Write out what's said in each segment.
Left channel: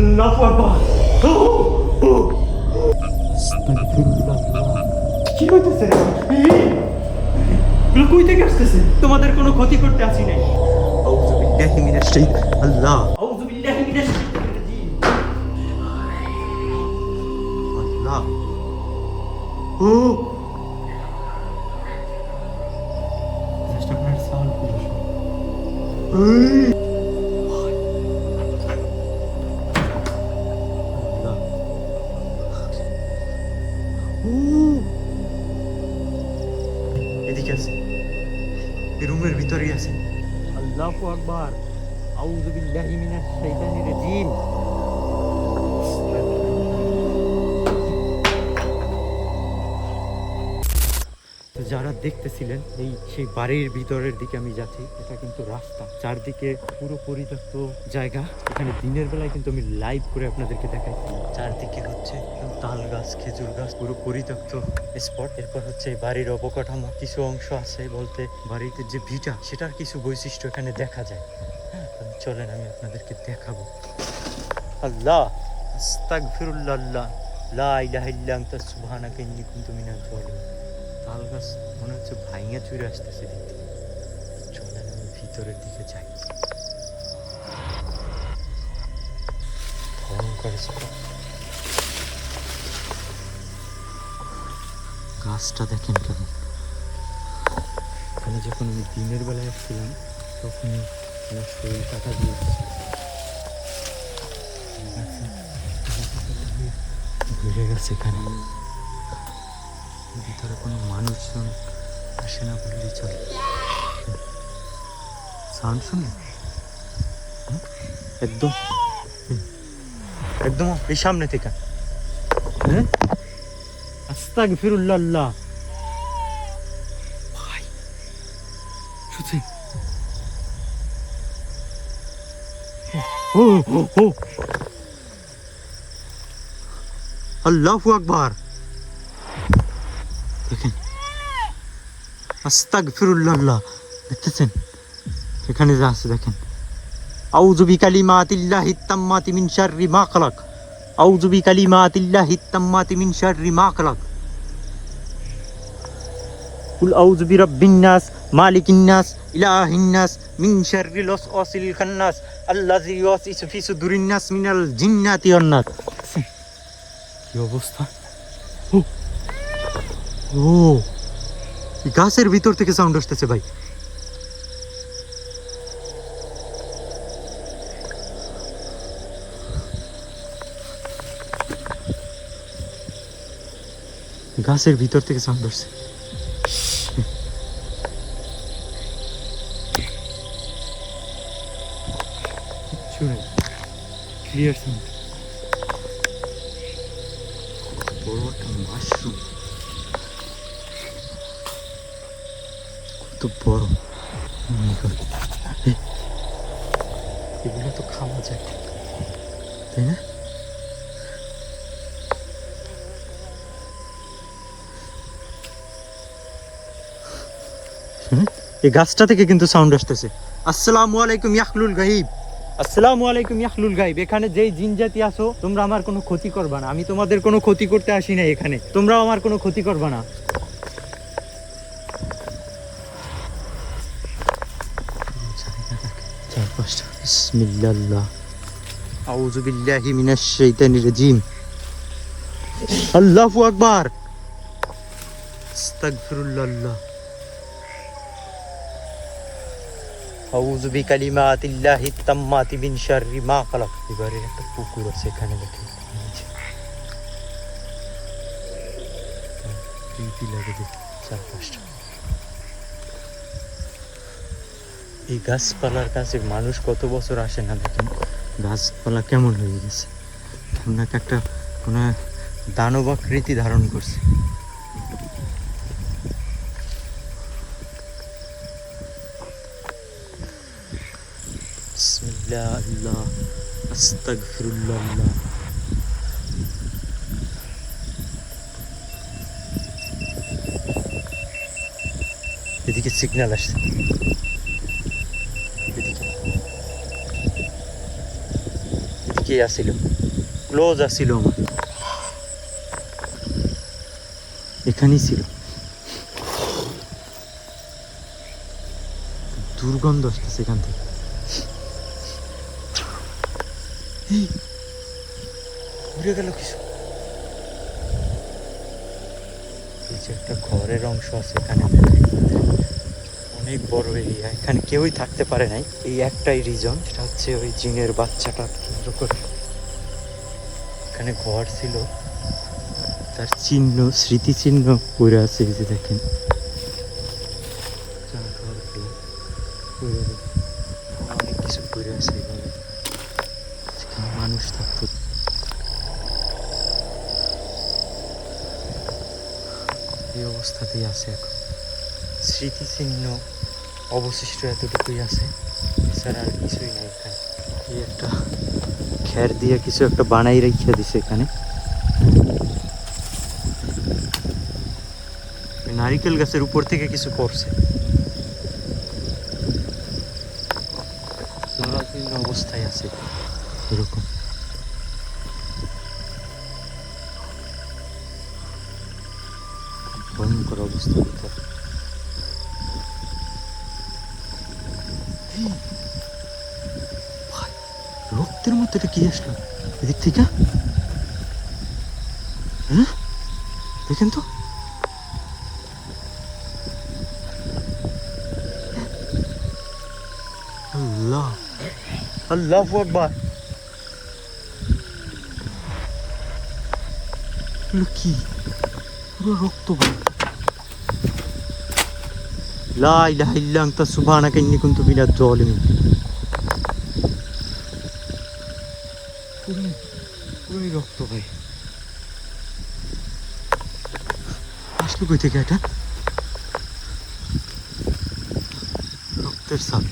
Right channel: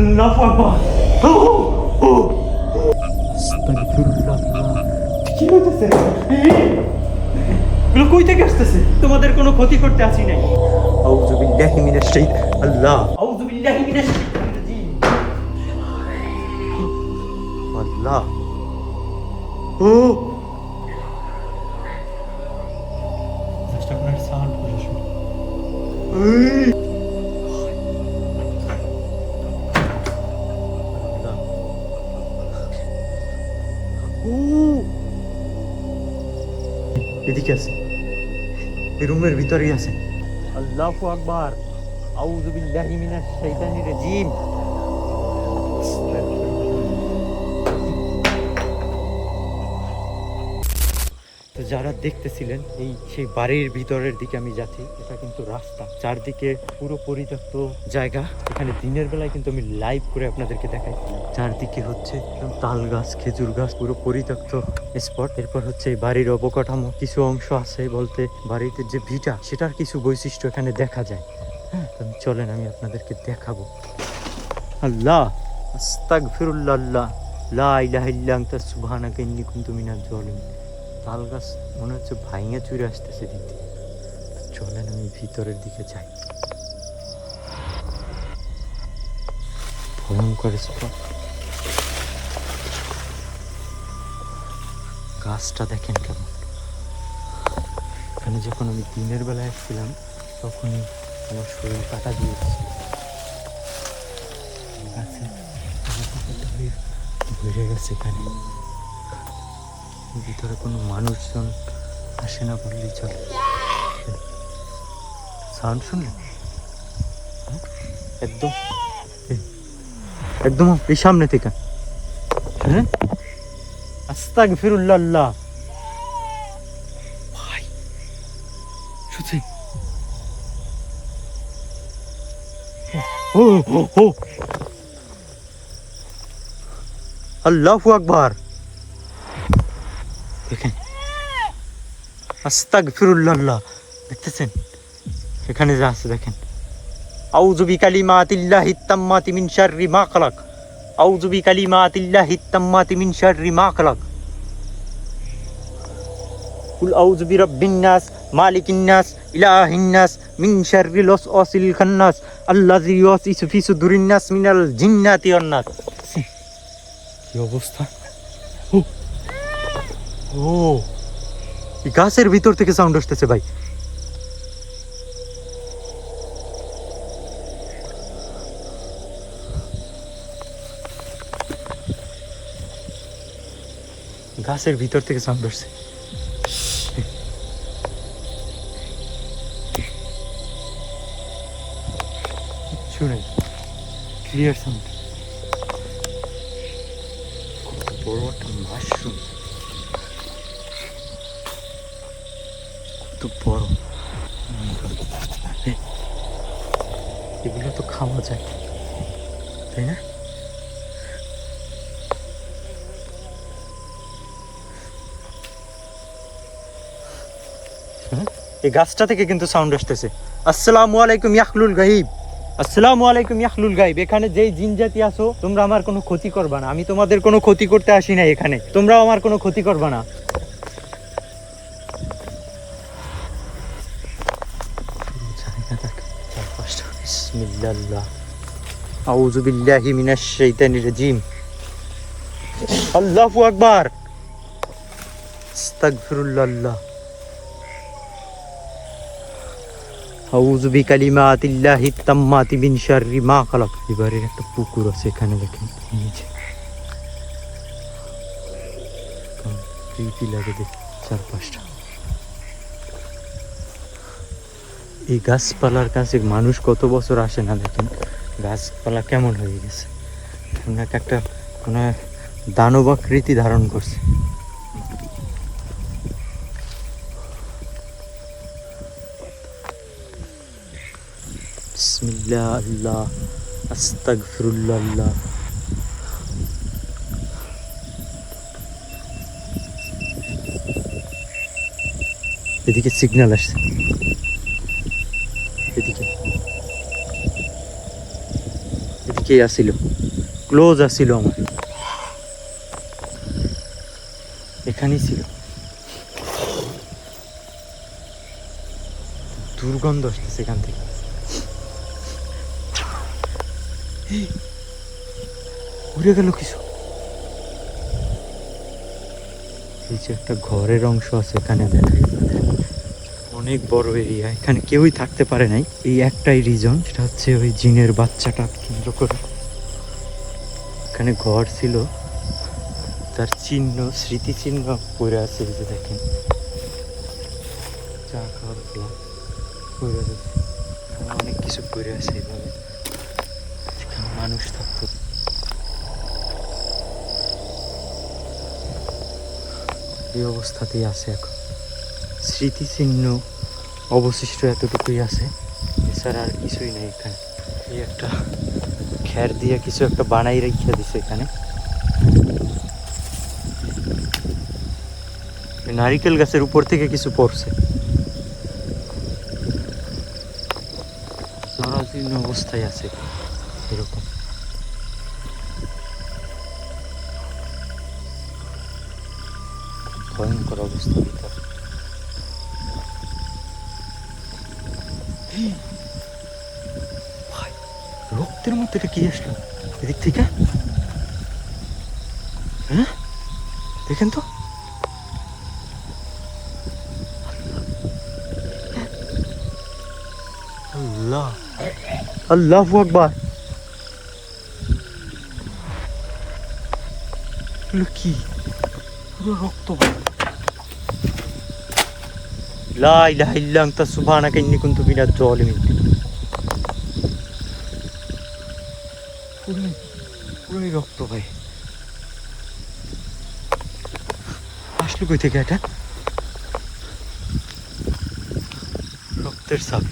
আল্লাহু আকবার। কি হইতেছে? এগুলো কই থেকে আসতেছে? তোমাদের কোনো ক্ষতি করতে আসি নাই। আউযু বিল্লাহি মিনাশ শাইতানির আল্লাহ আউযু বিল্লাহি মিনাশ শাইতানির রাজিম। আল্লাহ ও আপনার সাউন্ড করে শুনুন। এদিকে আছে, এই রুমের ভিতরেই আছে। আল্লাহু আকবার। আউযু বিল্লাহি মিনাশ শাইতানির রাজিম। তো যারা দেখতেছিলেন সেই বাড়ির ভিতরের দিকে আমি যাচ্ছি, এটা কিন্তু রাস্তা, চারদিকে পুরো পরিত্যক্ত জায়গা। এখানে দিনের বেলায় কিন্তু আমি লাইভ করে আপনাদেরকে দেখাইছিলাম। চারদিকে হচ্ছে তাল গাছ, খেজুর গাছ, পুরো পরিত্যক্ত স্পট। এরপর হচ্ছে এই বাড়ির অবকাঠামো, কিছু অংশ আছে বলতে বাড়িতে যে ভিটা, সেটার কিছু বৈশিষ্ট্য এখানে দেখা যায়। হ্যাঁ, চলেন আমি আপনাদেরকে দেখাবো। আল্লাহ আস্তাগফিরুল্লাহ, লা ইলাহা ইল্লা আনতা সুবহানাকা ইন্নী কুনতু মিনাজ জালিমিন। তাল গাছ মনে হচ্ছে ভাইঙা চুরে আসতেছে। চলেন আমি ভিতরের দিকে যাই। ভ্রমণ করেছে গাছটা দেখেন কেমন। এখানে যখন আমি দিনের বেলায় আসছিলাম তখনই আমার শরীর কাটা দিয়েছিল। গাছে ভরে গেছে। এখানে ভিতরে কোনো মানুষজন আসে না বললেই চলে। সাউন্ড শুনলেন? একদম একদম এই সামনে থেকে। হ্যাঁ, আস্তাগফিরুল্লাহ। ভাই সত্যি ও ও ও আল্লাহু আকবার। দেখেন আস্তাগফিরুল্লাহ, দেখতেছেন এখানে যা আছে দেখেন। আউযু বিকালিমাতিল্লাহি তাম্মাতি মিন শাররি মা খালাক। আউযু বিকালিমাতিল্লাহি তাম্মাতি মিন শাররি মা খালাক। কুল আউযু বিরাব্বিন নাস মালিকিন নাস ইলাহিন নাস মিন শাররিল ওয়াসওয়াসিল খান্নাস আল্লাযী ইউওয়াসওয়িসু ফি সুদুরিন নাস মিনাল জিন্নাতি ওয়ান নাস। কি অবস্থা! ও এই গাছের ভিতর থেকে সাউন্ড আসতেছে ভাই। গাছের ভিতর থেকে সাউন্ড আসছে। কিচ্ছু নেই, ক্লিয়ার সাউন্ড। বড় একটা মাশরুম, কত বড়! এগুলো তো খাওয়া যায়, তাই না? এই গাছটা থেকে কিন্তু সাউন্ড আসতেছে। আসসালামু আলাইকুম ইয়াহলুল গাইব। আসসালামু আলাইকুম ইয়াহলুল গাইব। এখানে যেই জিন জাতি আছো, তোমরা আমার কোনো ক্ষতি করবা না। আমি তোমাদের কোনো ক্ষতি করতে আসি না এখানে, তোমরাও আমার কোনো ক্ষতি করবা না। বিসমিল্লাহ আউযু বিল্লাহি মিনাশ শাইতানির রাজিম। আল্লাহু আকবার। আস্তাগফিরুল্লাহ। আউযু বিকালিমাতিল্লাহি তাম্মাতি মিন শাররি মা খালাক। এবারে একটা পুকুর আছে এখানে, দেখুন প্রীতি লাগে দেখতে চারপাশটা। এই গাছপালার কাছে মানুষ কত বছর আসে না, দেখেন গাছপালা কেমন হয়ে গেছে। একটা মানে দানবাকৃতি ধারণ করছে। বিসমিল্লাহ আল্লাহ আস্তাগফিরুল্লাহ। এদিকে সিগন্যাল আসছে, এদিকে দিকেই আসিল, ক্লোজ আসিল আমার, এখানেই ছিল। দুর্গন্ধ আসতেছে এখান থেকে। এই, উড়ে গেল কিছু। এই যে একটা ঘরের অংশ আছে এখানে, দেখাই অনেক বড় এরিয়া, এখানে কেউই থাকতে পারে নাই। এই একটাই রিজন, সেটা হচ্ছে ওই জিনের বাচ্চাটা কেন্দ্র করে এখানে ঘর ছিল, তার চিহ্ন, স্মৃতিচিহ্ন পড়ে আছে। এই যে দেখেন, চা খাওয়ার প্লাস পড়ে আছে, অনেক কিছু পড়ে আছে এইভাবে, যেখানে মানুষ থাকতো। এই অবস্থাতেই আছে এখন, স্মৃতিচিহ্ন অবশিষ্ট এতটুকুই আছে, এছাড়া আর কিছুই নেই এখানে। এই একটা খের দিয়ে কিছু একটা বানাই রেখে দিছে এখানে। নারিকেল গাছের উপর থেকে কিছু পড়ছে, জরাজীর্ণ অবস্থায় আছে এরকম। ভয়ঙ্কর অবস্থা ভিতরে। ভাই, রক্তের মতো এটা কি আসলো এদিক থেকে? হ্যাঁ, দেখেন তো, আল্লাহ, আল্লাহু আকবার। এগুলো কি? পুরো রক্ত। লা ইলাহা ইল্লা আনতা সুবহানাকা ইন্নী কুনতু মিনাজ জালিমিন। পুরোই রক্ত ভাই। আসলো কই থেকে এটা? রক্তের ছাপ।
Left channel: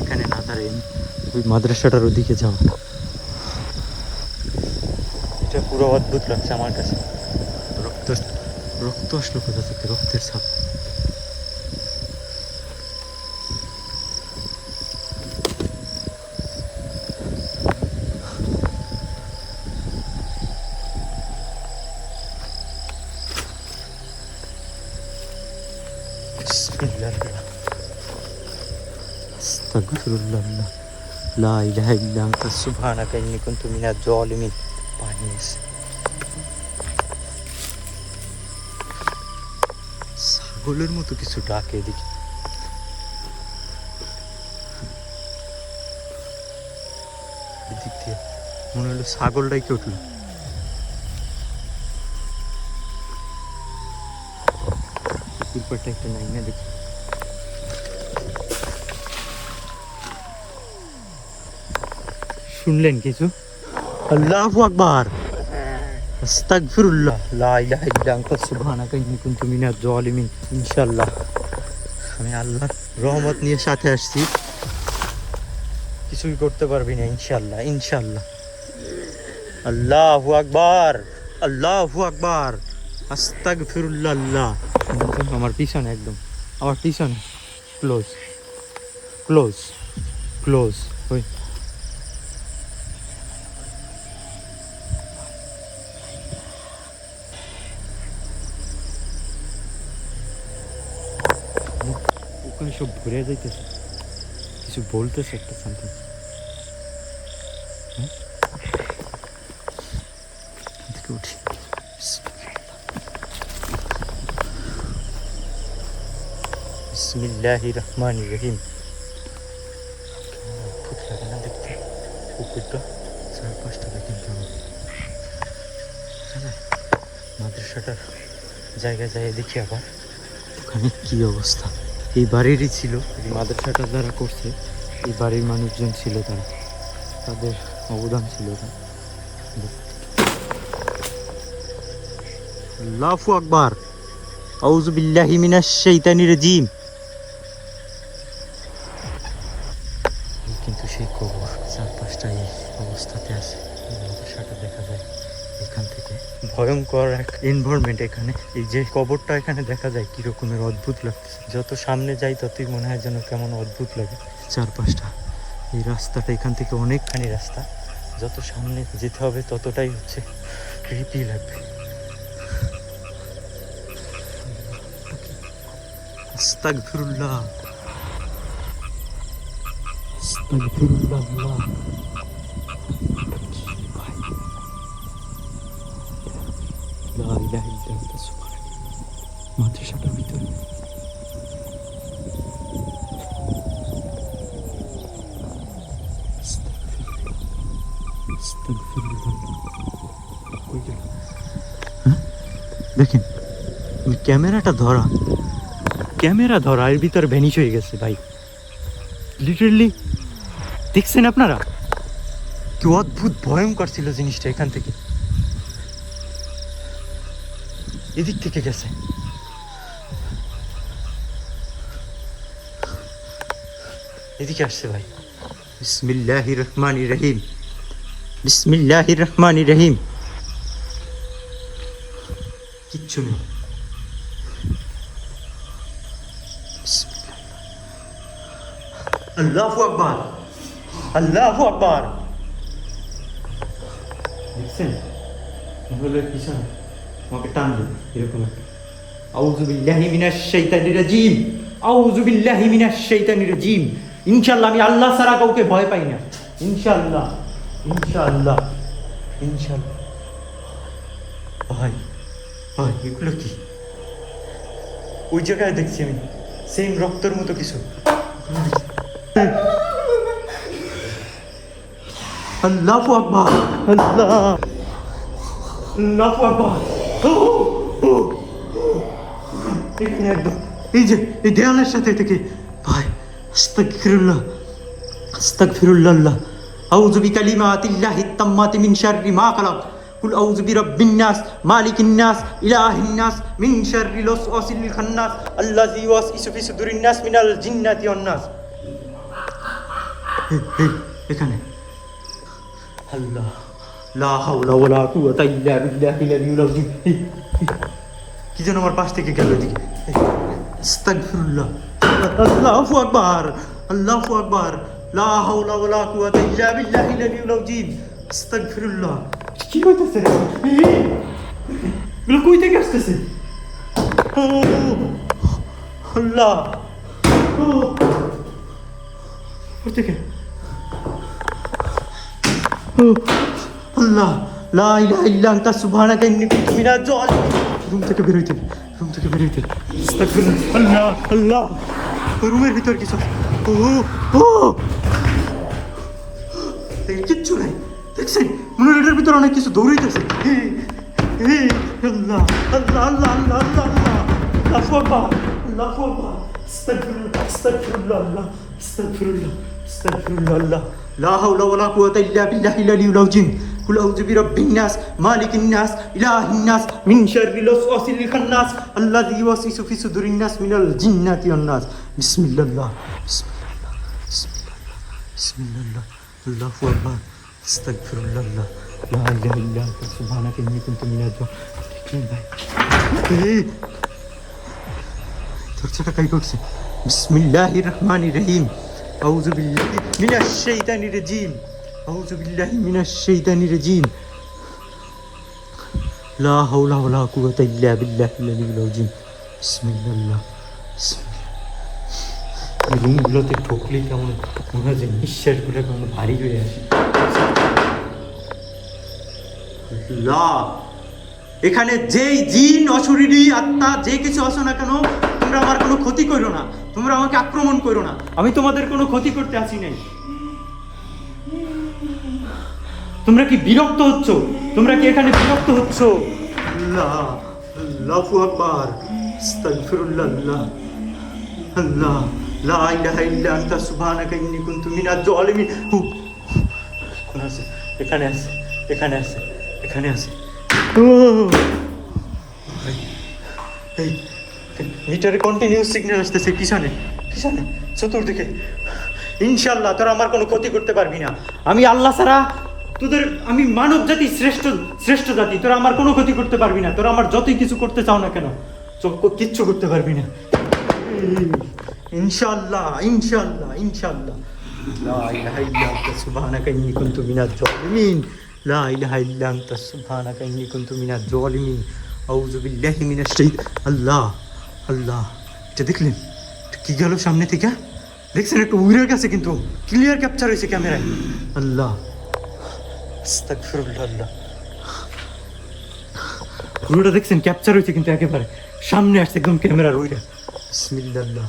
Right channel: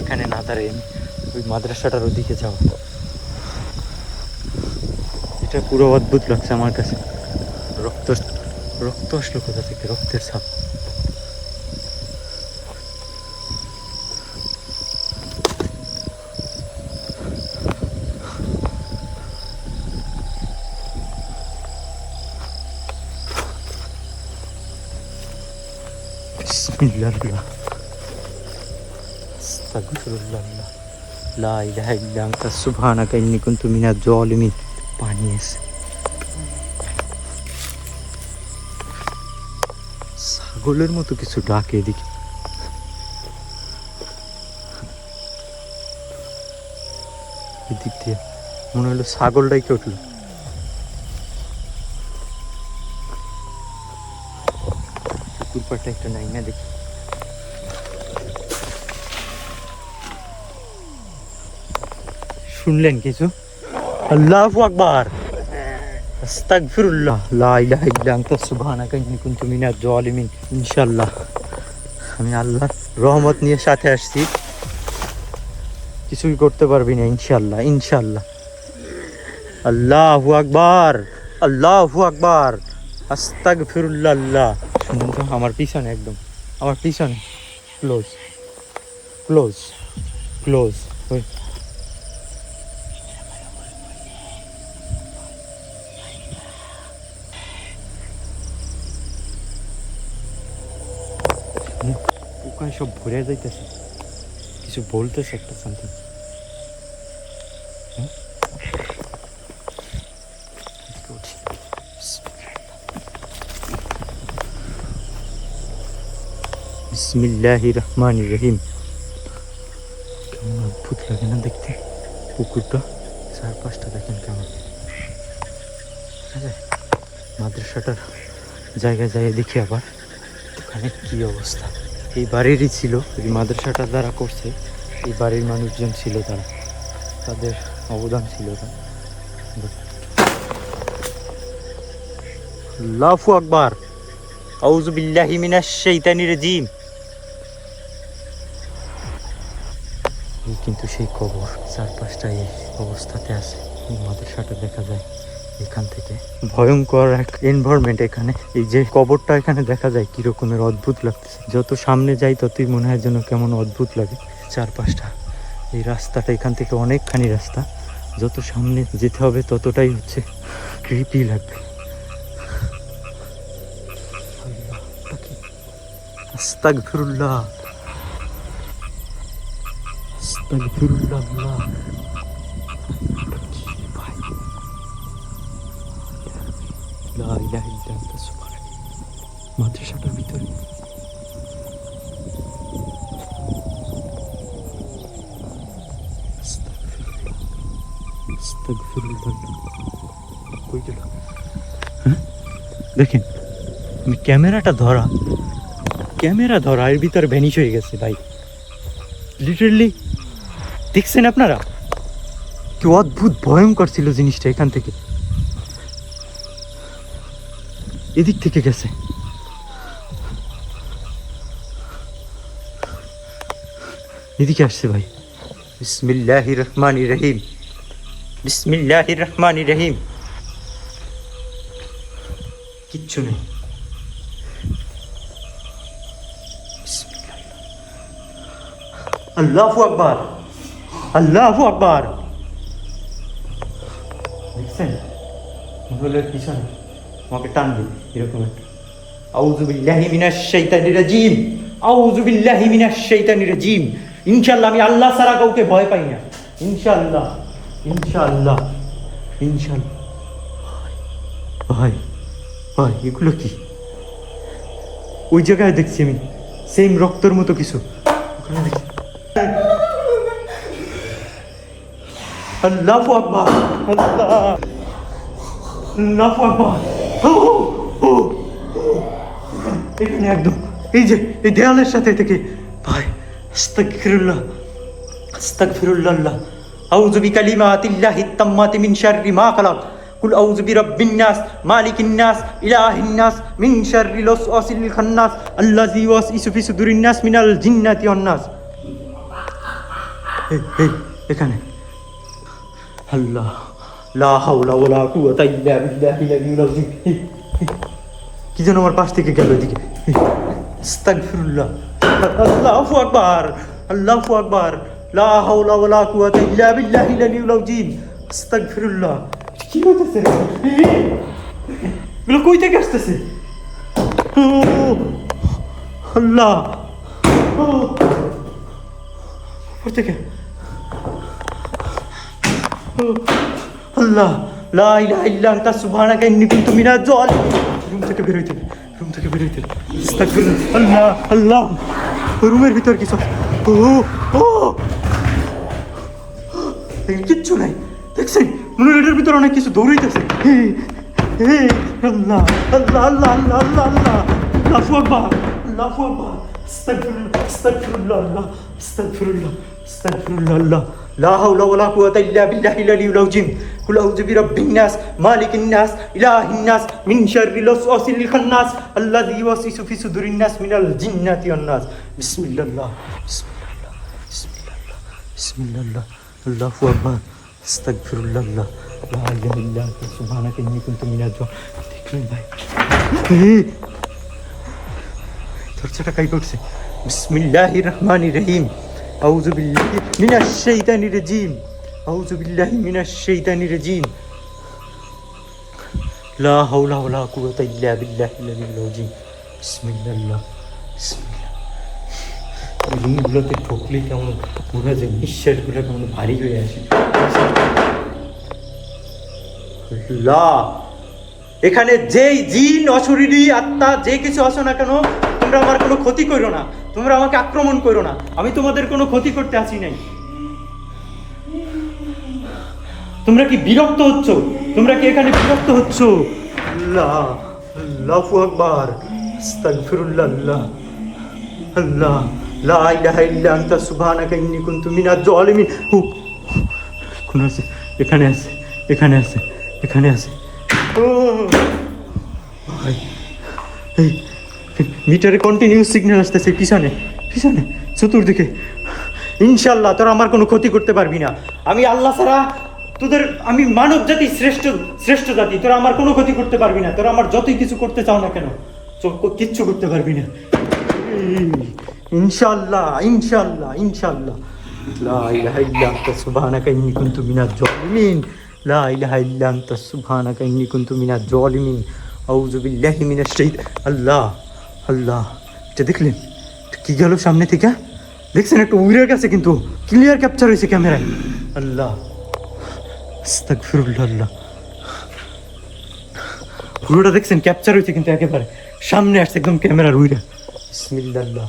এখানে না দাঁড়িয়ে ওই মাদ্রাসাটার ওদিকে যাও। এটা পুরো অদ্ভুত লাগছে আমার কাছে। রক্ত, রক্ত আসলো কোথা থেকে? রক্তের ছাপ। আস্তাগফিরুল্লাহ, লা ইলাহা ইল্লা আনতা সুবহানাকা ইন্নী কুনতু মিনাজ জালিমিন। পানি আছে, ছাগলের মতো কিছু ডাকে এদিকে। এদিক দিয়ে মনে হলো ছাগল ডাইকে উঠলো। পুকুর পাড়টা একটা নাই না, দেখি। শুনলেন কিছু? আল্লাহু আকবার, আস্তাগফিরুল্লাহ, লা ইলাহা ইল্লা আনতা সুবহানাকা ইন্নী কুনতু মিনাজ জালিমিন। ইনশাআল্লাহ আমি আল্লাহর রহমত নিয়ে সাথে আসছি, কিছুই করতে পারবি না ইনশাআল্লাহ, ইনশাআল্লাহ। আল্লাহু আকবার, আল্লাহু আকবার, আস্তাগফিরুল্লাহ। আল্লাহ আমার পিছনে, একদম আমার পিছনে, ক্লোজ ক্লোজ ক্লোজ। ওই পোকায় সব ভরে যাইতেছে, কিছু বলতেছে একটা সামথিং। বিসমিল্লাহির রহমানির রহিম। কেমন অদ্ভুত লাগে না দেখতে পুকুরটা, চারপাশটা দেখেন কেমন। মাদ্রাসাটার জায়গায় জায়গায় দেখি আবার ওখানে কি অবস্থা। এই বাড়িরই ছিল, এই মাদ্রাসাটা যারা করছে এই বাড়ির মানুষজন ছিল, তাদের অবদান ছিল। আল্লাহু আকবার, আউযু বিল্লাহি মিনাশ শাইতানির রাজিম। কিন্তু সেই কবর চারপাশটা এই অবস্থাতে আছে। এই মাদ্রাসাটা দেখা যায় এখান থেকে ভয়ঙ্কর এক এনভায়রনমেন্ট। এখানে এই যে কবরটা এখানে দেখা যায় কি রকমের অদ্ভুত লাগতেছে, যত সামনে যাই ততই মনে হয় যেন কেমন অদ্ভুত লাগে। চারপাশটা এই রাস্তাটা এখান থেকে অনেকখানি রাস্তা, যত সামনে যেতে হবে ততটাই হচ্ছে ক্রিপি লাগবে। আস্তাগফিরুল্লাহ, আস্তাগফিরুল্লাহ। মাদ্রাসাটার ভিতরে দেখেন ক্যামেরা ধরা এর ভিতরে ভ্যানিশ হয়ে গেছে ভাই, লিটারালি। দেখছেন আপনারা কি অদ্ভুত ভয়ঙ্কর ছিল জিনিসটা। এখান থেকে এদিক থেকে গেছে, এদিকে আসছে ভাই। বিসমিল্লাহির রহমানির রহিম, বিসমিল্লাহির রহমানির রহিম। কিচ্ছু নেই। আল্লাহু আকবার, আল্লাহু আকবার। দেখছেন মহলের পিছনে আমাকে টান দিবে এরকম একটা। আউযু বিল্লাহি মিনাশ শাইতানির রাজিম, আউযু বিল্লাহি মিনাশ শাইতানির রাজিম। ইনশাআল্লাহ আমি আল্লাহ ছাড়া কাউকে ভয় পাই না। ইনশাআল্লাহ, ইনশাআল্লাহ, ইনশাআল্লাহ। ভাই ভাই এগুলো কি? ওই জায়গায় দেখছি আমি সেম রক্তের মতো কিছু ওখানে দেখছি। আল্লাহু আকবার, আল্লাহ, আল্লাহু আকবার। এখানে একদম এই যে এই দেয়ালের সাথে থেকে ভাই। আস্তাগফিরুল্লাহ, আস্তাগফিরুল্লাহ। আউযু বিকালিমাতিল্লাহিত তাম্মাতি মিন শাররি মা খালাক। কুল আউযু বিরাব্বিন নাস মালিকিন নাস ইলাহিন নাস মিন শাররিল ওয়াসওয়াসিল খান্নাস আল্লাযী ইউওয়াসওয়িসু ফি সুদুরিন নাস মিনাল জিন্নাতি ওয়ান নাস। এখানে আল্লাহ, লা হাওলা ওয়ালা কুওয়াতা ইল্লা বিল্লাহিল আলিয়্যিল আযীম। কি যেন আমার পাশ থেকে গেল এদিকে। আস্তাগফিরুল্লাহ, আল্লাহু আকবার, আল্লাহু আকবার। লা হাওলা ওয়ালা কুওয়াতা ইল্লা বিল্লাহিল আলিয়্যিল আযীম। আস্তাগফিরুল্লাহ। কি হইতেছে? এগুলো কই থেকে আসতেছে? আল্লাহ, ওর থেকে আল্লাহ, লা ইলাহা ইল্লা আনতা সুবহানাকা ইন্নী কুনতু মিনাজ জালিমিন। রুম থেকে বের হইতে, রুম থেকে বের হইতে। আস্তাগফিরুল্লাহ, আল্লাহ, আল্লাহ। রুমের ভিতর কিছু, কিচ্ছু নাই। দেখছেন মনে হয় এটার ভিতরে অনেক কিছু দৌড়াইতেছে। আল্লাহ, আল্লাহ, আল্লাহ, আল্লাহ, আল্লাহ, আল্লাহ। আল্লাহু আকবার, আল্লাহু আকবার। আস্তাগফিরুল্লাহ, আস্তাগফিরুল্লাহ, আল্লাহ, আস্তাগফিরুল্লাহ, আস্তাগফিরুল্লাহ, আল্লাহ। লা হাওলা ওয়ালা কুওয়াতা ইল্লা বিল্লাহিল আলিয়্যিল আযীম। কুল আউযু বিরাব্বিন নাস মালিকিন নাস ইলাহিন নাস মিন শাররিল ওয়াসওয়াসিল খান্নাস আল্লাযী ইউওয়াসওয়িসু ফি সুদুরিন নাস মিনাল জিন্নাতি ওয়ান নাস। বিসমিল্লাহ, বিসমিল্লাহ, বিসমিল্লাহ, বিসমিল্লাহ। আল্লাহু আকবার, আস্তাগফিরুল্লাহ, লা ইলাহা ইল্লা আনতা সুবহানাকা ইন্নী কুনতু মিনাজ জালিমিন। দেখলেন ভাই দরজাটা কাই করছে। বিসমিল্লাহির রহমানির রহিম। আউযু বিল্লাহি মিনাশ শাইতানির রাজিম, আউযু বিল্লাহি মিনাশ শাইতানির রাজিম। লা হাওলা ওয়ালা কুওয়াতা ইল্লা বিল্লাহিল আলিয়্যিল আযীম। বিসমিল্লাহ, বিসমিল্লাহ। রুমগুলোতে ঢুকলে কেমন মনে হয় যে নিঃশ্বাসগুলো কেমন ভারী হয়ে আসে। এখানে যেই জিন অশরীরী আত্মা যে কিছু আসো না কেন, তোমরা আমার কোনো ক্ষতি করো না, তোমরা আমাকে আক্রমণ করো না। আমি তোমাদের কোনো ক্ষতি করতে আসি নাই। তোমরা কি বিরক্ত হচ্ছ? তোমরা কি এখানে বিরক্ত হচ্ছ? আল্লাহ, আল্লাহু আকবার, আস্তাগফিরুল্লাহ, আল্লাহ, আল্লাহ, লা ইলাহা ইল্লা আনতা সুবহানাকা ইন্নী কুনতু মিনাজ জালিমিন। কোন আছে? এখানে আছে, এখানে আছে, এখানে আছে। মিটারে কন্টিনিউয়াস সিগন্যাল আসতেছে পিছনে, পিছনে চতুর্দিকে। ইনশাআল্লাহ তোরা আমার কোনো ক্ষতি করতে পারবি না। আমি আল্লাহ ছাড়া তোদের আমি মানব জাতি শ্রেষ্ঠ শ্রেষ্ঠ জাতি, তোরা আমার কোনো ক্ষতি করতে পারবি না, তোরা আমার যতই কিছু করতে চাও না কেন কিচ্ছু করতে পারবি না। ইনশাআল্লাহ ইনশাআল্লাহ ইনশাআল্লাহ। লা ইলাহা ইল্লা আনতা সুবহানাকা ইন্নী কুনতু মিনাজ জালিমিন। লা ইলাহা ইল্লা আনতা সুবহানাকা ইন্নী কুনতু মিনাজ জালিমিন। আউযু বিল্লাহি মিনাশ শাইতানির আল্লাহ আল্লাহ। এটা দেখলেন কি গেল সামনে থেকে? দেখছেন একটু উইরের কাছে কিন্তু ক্লিয়ার ক্যাপচার হয়েছে ক্যামেরায়। আল্লাহ আস্তাগফিরুল্লাহ। আল্লাহ পুরোটা দেখছেন ক্যাপচার হয়েছে কিন্তু একেবারে সামনে আসছে একদম ক্যামেরার উইরা। বিসমিল্লাহ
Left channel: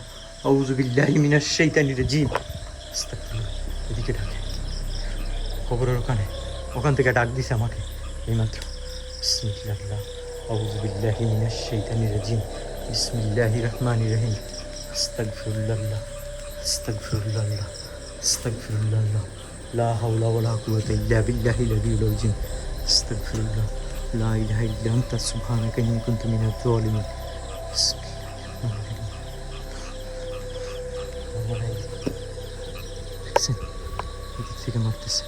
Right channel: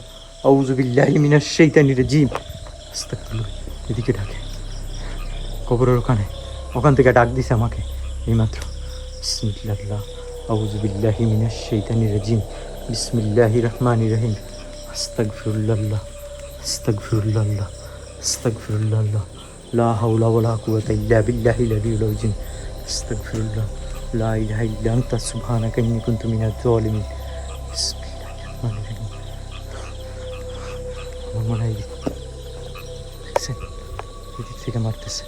আউযু বিল্লাহি মিনাশ শাইতানির রাজিম। আস্তাগফিরুল্লাহ। এদিকে ডাকে কবরের ওখান থেকে ডাক দিছে আমাকে এইমাত্র। বিসমিল্লাহ আউযু বিল্লাহি মিনাশ শাইতানির রাজিম। বিসমিল্লাহির রহমানির রহিম। আস্তাগফিরুল্লাহ আস্তাগফিরুল্লাহ আস্তাগফিরুল্লাহ। লা হাওলা ওয়ালা কুওয়াতা ইল্লা বিল্লাহিল আলিয়্যিল আযীম। আস্তাগফিরুল্লাহ। লা ইলাহা ইল্লা আনতা সুবহানাকা ইন্নী কুনতু মিনাজ জালিমিন। বিসমিল্লাহির রহমানির রহিম। এদিক থেকে মারতেছে।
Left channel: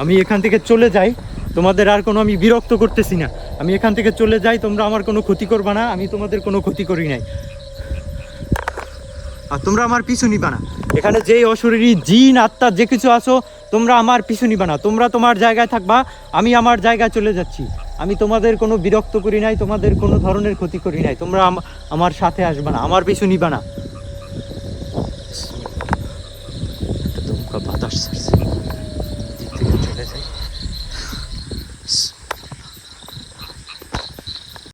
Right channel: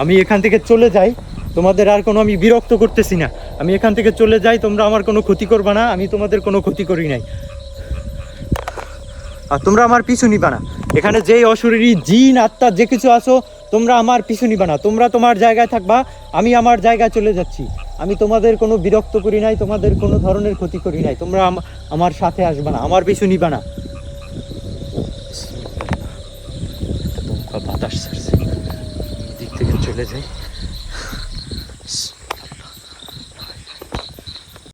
আমি এখান থেকে চলে যাই, তোমাদের আর কোনো আমি বিরক্ত করতেছি না। আমি এখান থেকে চলে যাই, তোমরা আমার কোনো ক্ষতি করবা না, আমি তোমাদের কোনো ক্ষতি করি নাই। আর তোমরা আমার পিছু নিবা না। এখানে যেই অশরীরী জিন আত্মা যে কিছু আসো, তোমরা আমার পিছু নিবা না। তোমরা তোমার জায়গায় থাকবা, আমি আমার জায়গায় চলে যাচ্ছি। আমি তোমাদের কোনো বিরক্ত করি নাই, তোমাদের কোনো ধরনের ক্ষতি করি নাই। তোমরা আমার সাথে আসবা না, আমার পিছু নিবা না। বাতাস ছাড়ছে।